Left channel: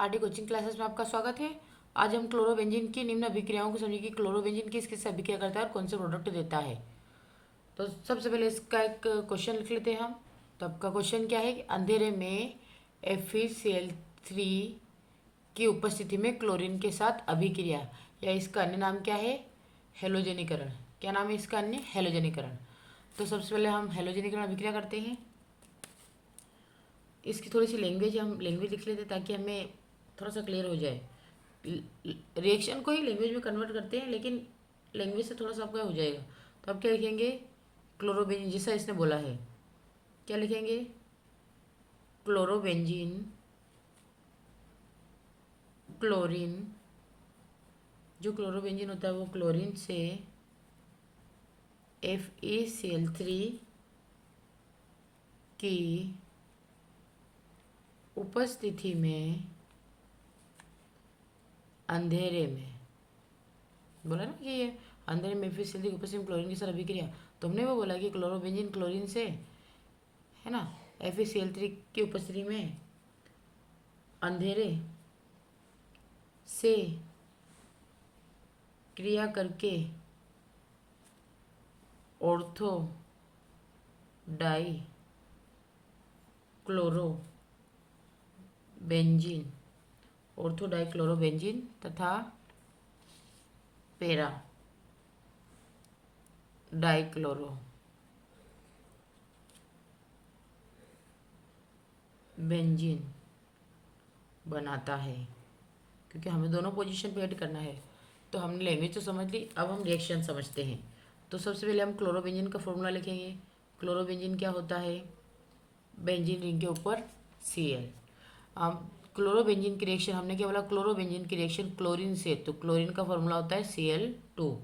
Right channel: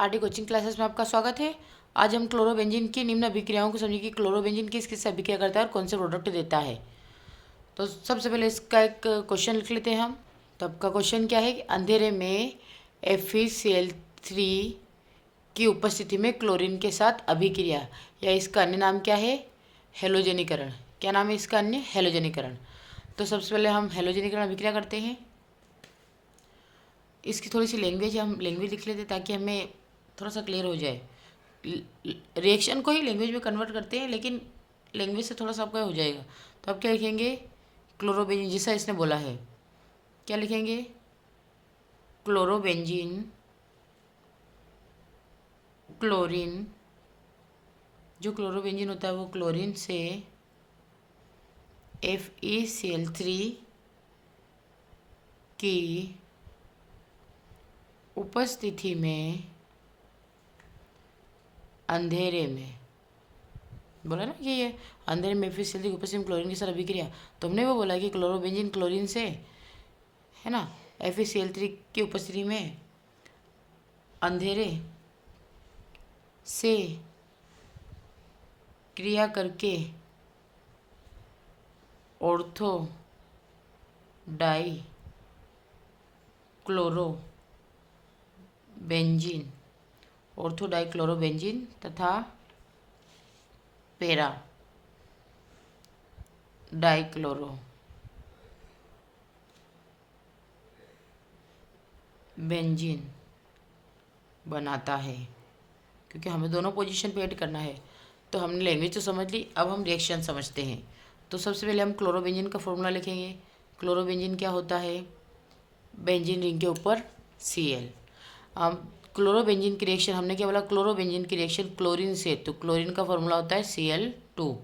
RD coaching classes में आपका स्वागत है। आज हम क्लोरोबेंजीन की निम्न अभिक्रियाओं को समझेंगे कि क्लोरोबेंजीन किस किस से अभिक्रिया करता है और कौन से प्रोडक्ट देता है। तो सबसे पहले इसका एक क्वेश्चन लिख लेते हैं हम। तो आपका क्वेश्चन क्या है कि अंधेरे में FeCl3 की उपस्थिति में क्लोरीन के साथ अभिक्रिया, या इसका अन्य नाम क्या है, हेलोजनीकरण। क्या नाम है इसका अन्य? हेलोजनीकरण। तो सबसे पहले हम हेलोजनीकरण अभिक्रिया करते हैं। इसकी थोड़ी सी लैंग्वेज हम लैंग्वेज लिख लेते हैं ताकि हमें थोड़ा सा क्लियर हो जाए। रिएक्शन को ही लैंग्वेज में कन्वर्ट करते हैं, लेकिन लैंग्वेज से थोड़ा सा आपका हो जाएगा। तो आप क्या लिखेंगे? क्लोरोबेंजीन, जैसा इसने बोला है। क्या लिखेंगे? क्लोरोबेंजीन क्लोरीन, जो क्लोरोबेंजीन होता है वो क्लोरीन से FeCl3 की उपस्थिति में अंधेरे में, बोला ना कि ये अंधेरे में FeCl3 की उपस्थिति में क्लोरीन के साथ अभिक्रिया। तो हमने वो बोला कि क्लोरोबेंजीन क्लोरीन से, है ना, FeCl3 की उपस्थिति में अंधेरे से क्रिया करके ortho di chlorobenzene, ortho di chlorobenzene तथा पैरा डाई क्लोरो बेंजीन बनाता है। क्योंकि हमें दोनों पोजीशन पे ऐड करना है। तो हमने लैंग्वेज तो समझ ली, अब हम रिएक्शन समझते हैं। तो सबसे पहले हम क्लोरोबेंजीन का फॉर्मूला लिखेंगे। क्लोरोबेंजीन क्या होता है? बेंजीन रिंग के ऊपर Cl। अब क्लोरोबेंजीन की रिएक्शन हमने क्या बोला? क्लोरोबेंजीन की रिएक्शन क्लोरीन से, तो क्लोरीन का फॉर्मूला होता है Cl2।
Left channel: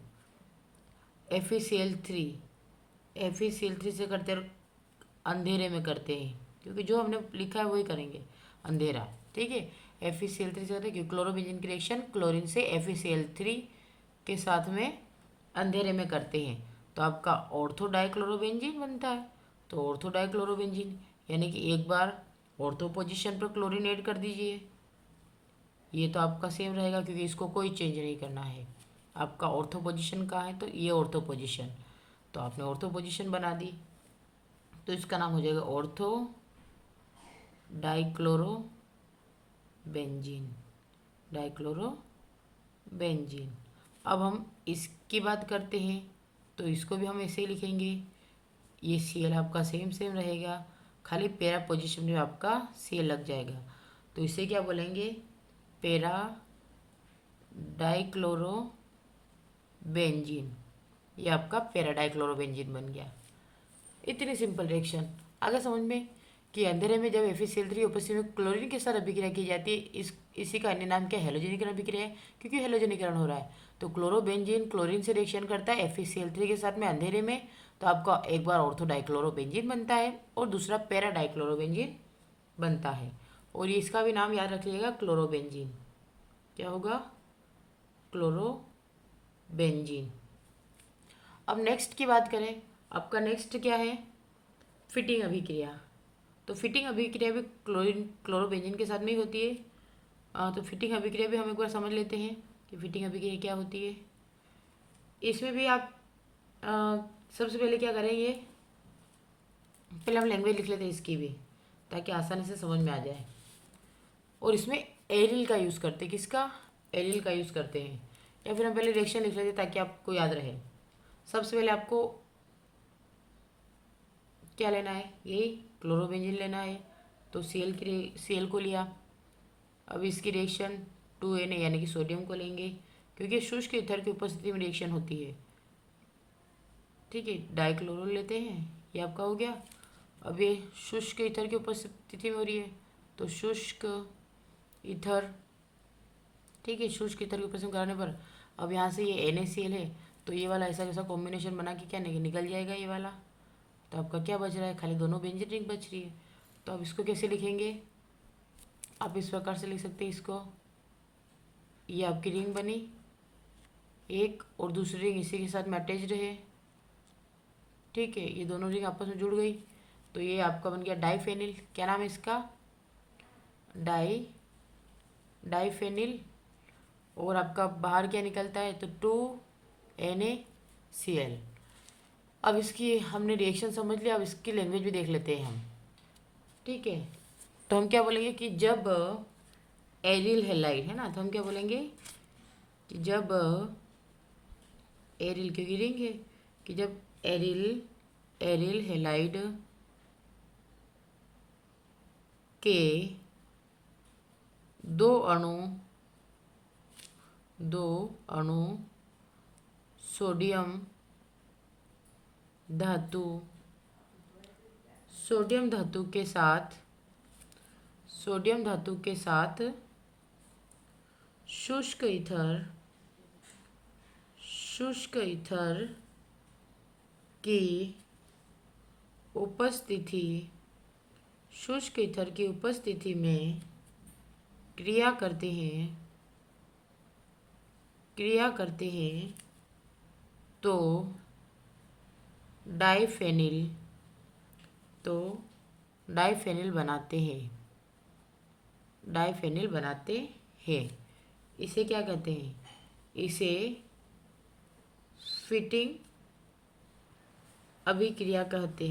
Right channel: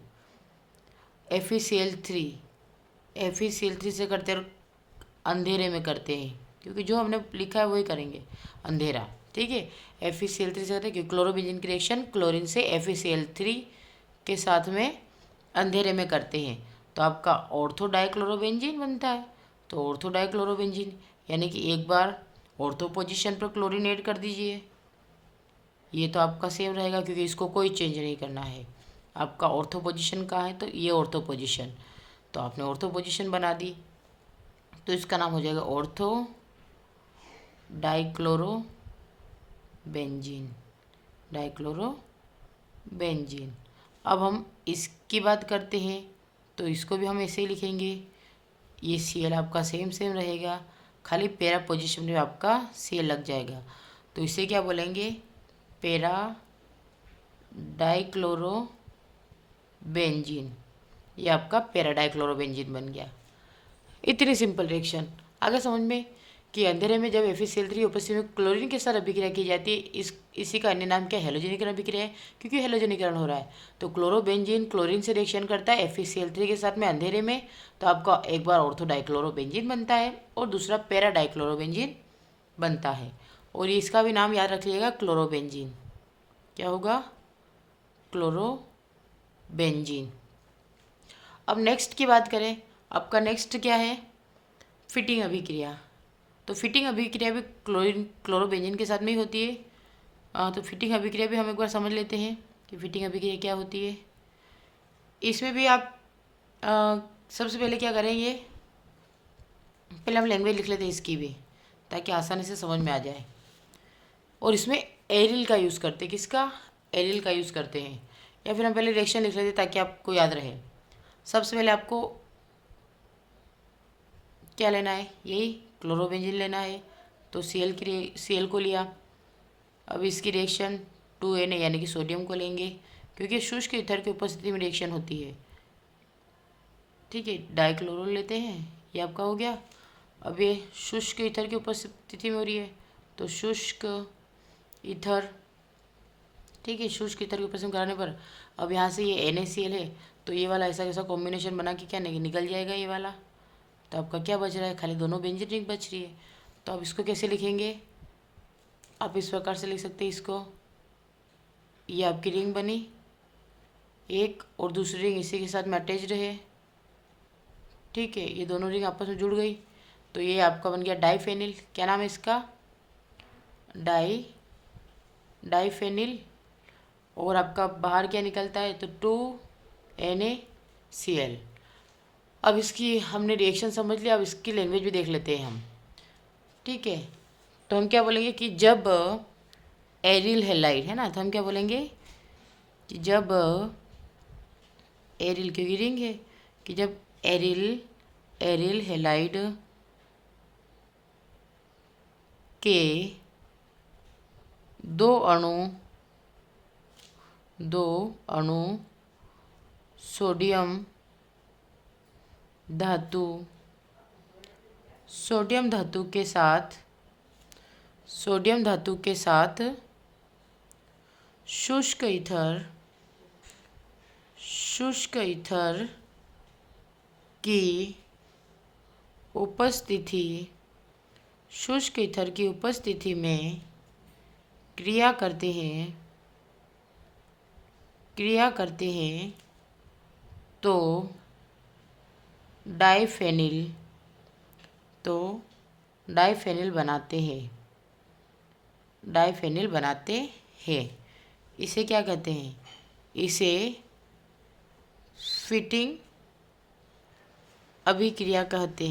FeCl3 से करते हैं, अंधेरे में करते हैं, क्योंकि जो हमने लिखा है वही करेंगे, अंधेरा। ठीक है, FeCl3 से करते हैं क्योंकि क्लोरोबेंजीन की रिएक्शन क्लोरीन से FeCl3 के साथ में अंधेरे में करते हैं। तो आपका ऑर्थो डाइक्लोरोबेंजीन बनता है। तो ऑर्थो डाइक्लोरोबेंजीन यानी कि एक बार ऑर्थो पोजीशन पर क्लोरीन ऐड कर दीजिए, ये तो आपका सेम रहेगा क्योंकि इसको कोई चेंज नहीं करना है। आपका ऑर्थो पोजीशन कहाँ है? तो ये ऑर्थो पोजीशन, तो आपने ऑर्थो पोजीशन बना दी, तो इसका नाम हो जाएगा ऑर्थो डाइक्लोरोबेंजीन, डाइक्लोरोबेंजीन। अब हम इसकी बात करते हैं, तो इसको भी हम ऐसे ही लिखेंगे। ये Cl आपका सेम सेम रहेगा, खाली पैरा पोजीशन में आपका Cl लग जाएगा। तो इसे क्या बोलेंगे? Para dichlorobenzene. ये आपका पैरा डाइक्लोरोबेंजीन बन गया। इतनी सिंपल रिएक्शन आगे समझ में कि अंधेरे में जब FeCl3 उपस्थिति में क्लोरीन के साथ अभिक्रिया की जाती है, इसी का अन्य नाम क्या? हेलोजनीकरण अभिक्रिया है, क्योंकि हेलोजनीकरण हो रहा है। तो क्लोरोबेंजीन क्लोरीन से रिएक्शन करता है FeCl3 के साथ में अंधेरे में, तो आपका एक बार ऑर्थो डाइक्लोरोबेंजीन बनता है और दूसरा पैरा डाइक्लोरोबेंजीन बनता है। और इसका भी नाम याद रखिएगा, क्लोरोबेंजीन। क्या होगा? क्लोरोबेंजीन। अब नेक्स्ट की बात करें, आपका नेक्स्ट क्या है? फिटिंग अभिक्रिया। तो फिटिंग अभिक्रिया भी क्लोरोबेंजीन के साथ में ही होती है। तो फिटिंग अभिक्रिया भी हम एक बार समझ लेते हैं कि फिटिंग अभिक्रिया क्या होती है। इसमें भी आप सबसे पहले क्या करेंगे? पहले हम लैंग्वेज लिख लेते हैं इसकी भी, ताकि आसानी से समझ में आ जाए। और इसमें एरिल का यूज़ करते हैं। किसका? एरिल का यूज़ करते हैं। या फिर हम पहले रिएक्शन लिख लेते हैं ताकि आपको याद रहे। सबसे पहले आपको क्या लेना है? यही क्लोरोबेंजीन लेना है। तो Cl को लिया। अब इसकी रिएक्शन 2Na यानी कि सोडियम को लेंगे, क्योंकि शुष्क ईथर की उपस्थिति में रिएक्शन होती है। ठीक है, डाइक्लोरो लेते हैं, ये आपका हो गया। अब ये शुष्क ईथर की उपस्थिति में हो रही है, तो शुष्क ईथर, ठीक है, शुष्क ईथर की उपस्थिति में कराने पर अब यहाँ से ये NaCl है, तो ये वाला ऐसा कैसा कॉम्बिनेशन बना के क्या निकल जाएगा ये वाला। तो आपका क्या बच रहा है? खाली दोनों बेंजीन रिंग बच रही है। तो अब इसको कैसे लिखेंगे? आप इस प्रकार से लिख सकते हैं इसको, ये आपकी रिंग बनी एक, और दूसरी रिंग इसी के साथ में अटैच्ड है। ठीक है, ये दोनों रिंग आपस में जुड़ गई, तो ये आपका बन गया डाइफेनिल। क्या नाम है इसका? डाई डाइफेनिल, और आपका बाहर क्या निकलता है, तो 2NaCl। अब इसकी हमने रिएक्शन समझ लिया, अब इसकी लैंग्वेज भी देख लेते हैं हम। ठीक है, तो हम क्या बोलेंगे कि जब एरिल हैलाइड है ना, तो हम क्या बोलेंगे कि जब एरिल, क्योंकि रिंग है, कि जब एरिल एरिल हैलाइड के दो अणु सोडियम धातु के साथ शुष्क ईथर की उपस्थिति में क्रिया करते हैं तो डाइफेनिल बनाते हैं। इसे क्या कहते हैं, इसे फिटिंग अभिक्रिया कहते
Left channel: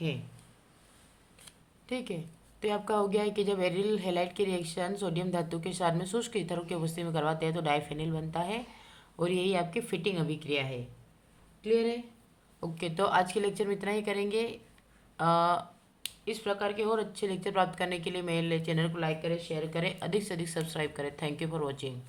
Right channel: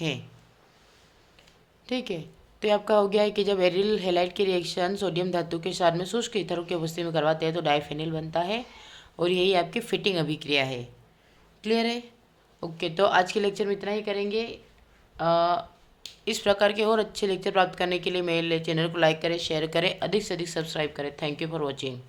हैं। ठीक है, तो ये आपका हो गया है कि जब एरिल हैलाइड की रिएक्शन सोडियम धातु के साथ में शुष्क ईथरों की उपस्थिति में करवाते हैं तो डाइफेनिल बनता है, और यही आपकी फिटिंग अभिक्रिया है। क्लियर है? ओके, तो आज के लेक्चर में इतना ही करेंगे। इस प्रकार के और अच्छे लेक्चर प्राप्त करने के लिए मेरे चैनल को लाइक करें, शेयर करें, अधिक से अधिक सब्सक्राइब करें। Thank you for watching.